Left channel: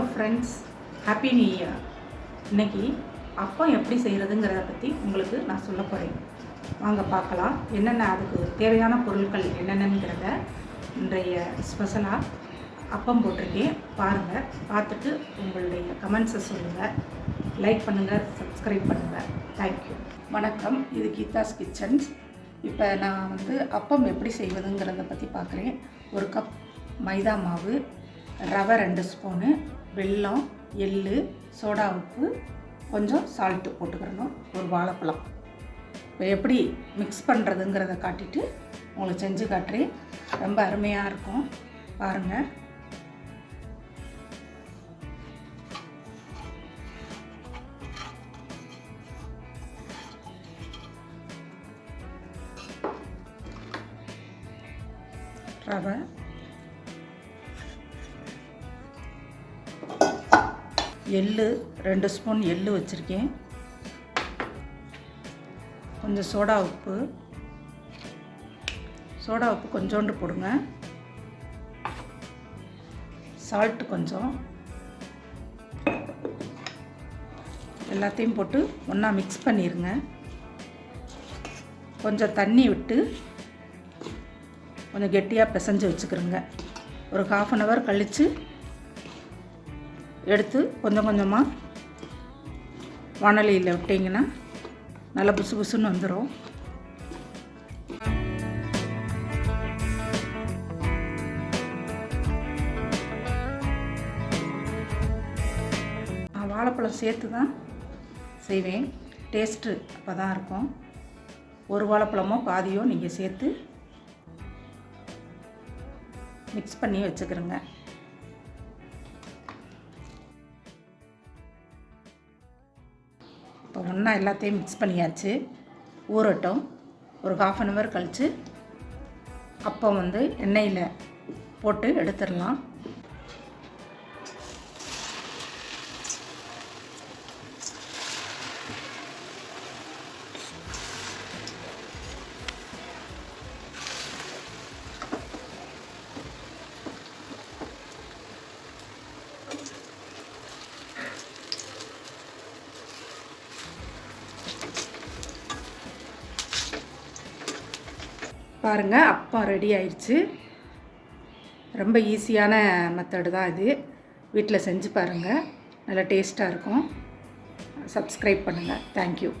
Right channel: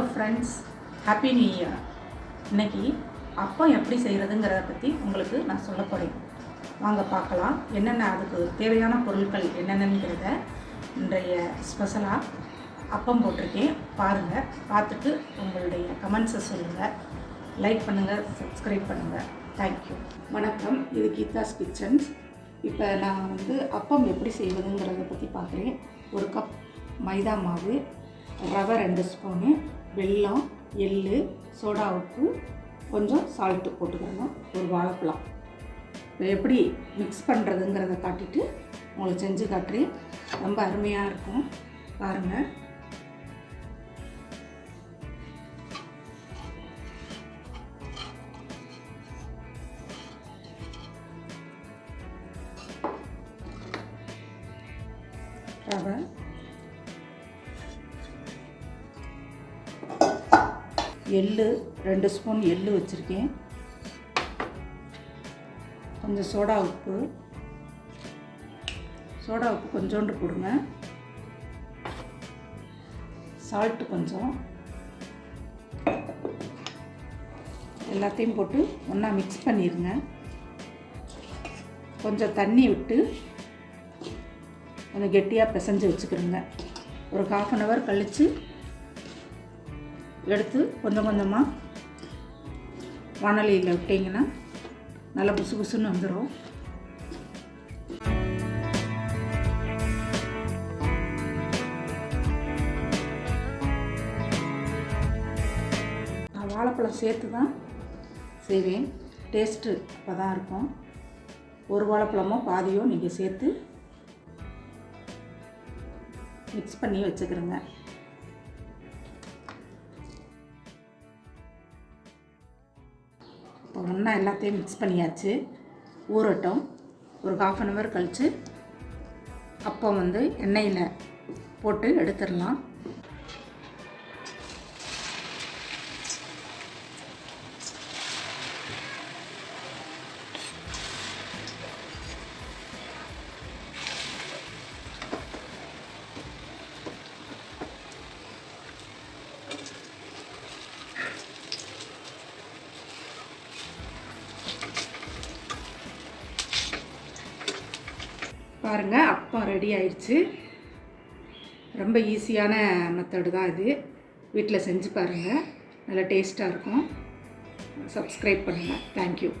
Hello friends, happy new year. இன்றைக்கி அப்பம் எப்படி செய்கிறதுங்கிறத பற்றி உங்களுக்கு நான் சொல்ல போகிறேன். வாங்க பார்க்கலாம். என்னென்ன அதுக்கு தேவையான பொருட்கள் என்னென்னங்கிறத இன்றைய ஸ்பெஷலாக அப்பம் போட்டிருக்கேன். பாருங்கள், பார்த்துட்டு உங்களுடைய கமெண்ட்ஸை சொல்லுங்கள், லைக் பண்ணுங்கள், சப்ஸ்கிரைப் பண்ணுங்கள். தேங்க்யூ. வணக்கம், இது கீதாஸ் கிச்சன்ஸ். இப்போ நான் அப்பம் எப்படி செய்வதுங்கிறத பற்றி பார்க்குறேன். ஒரு கப் மைதா மாவு, ரவை 2 ஸ்பூனு, வெல்லம், எள்ளு, சோடா உப்பு, கொஞ்சம் சால்ட்டு போட்டுக்கிறணும், ஒரு வாழைப்பழம். இப்போ எப்படி மிக்ஸ் பண்ணுறதுங்கிறத காட்டிட்டு உங்களுக்கு செஞ்சு காட்டுறேன். ரொம்ப அருமையாக இருக்கும், பாருங்கள். ரவை, எள்ளு 2 ஸ்பூன் எள்ளு வச்சுருக்கேன், கொஞ்சம் சோடா உப்பு கொஞ்சோண்டு போடுங்க, சால்ட்டு கொஞ்சம், எல்லாத்தையும் போட்டு ஒன்றா மிக்ஸ் பண்ணிடுங்க. கொஞ்சம் தண்ணி விட்டு கொஞ்சம் கெட்டியாக பிசைஞ்சு வச்சுக்கிறோங்க. ஒரு 1/2 hour கழித்து எடுத்து கொஞ்சம் கொஞ்சமாக வாணலியில் விட்டிங்கன்னா நல்லா புசு புசுன்னு வந்துடும். நான் வாழைப்பழம் சேர்த்து தான் செய்வேன். டேஸ்ட்டு அப்போ தான் இருக்கும். ஒரு வாழைப்பழமோ பாதியோ நீங்கள் சேர்த்து மிக்ஸ் பண்ணி வச்சுக்கிறேங்க. இப்போ ஒன்றா எல்லாத்தையும் மிக்ஸ் பண்ணியாச்சு. ஊறட்டும். ஒரு 1/2 hour கழித்து அப்போ எண்ணெயில் போட்டு எடுத்துடலாம். பாருங்கள், அப்பம் ரெடி ஆயிடுச்சு. ரொம்ப ஈஸியான மெத்தடு தான் இது. வீட்டில் செஞ்சு பாருங்கள், நல்லா டேஸ்ட்டாக இருக்கும். சப்ஸ்கிரைப் பண்ணுங்கள். தேங்க்யூ.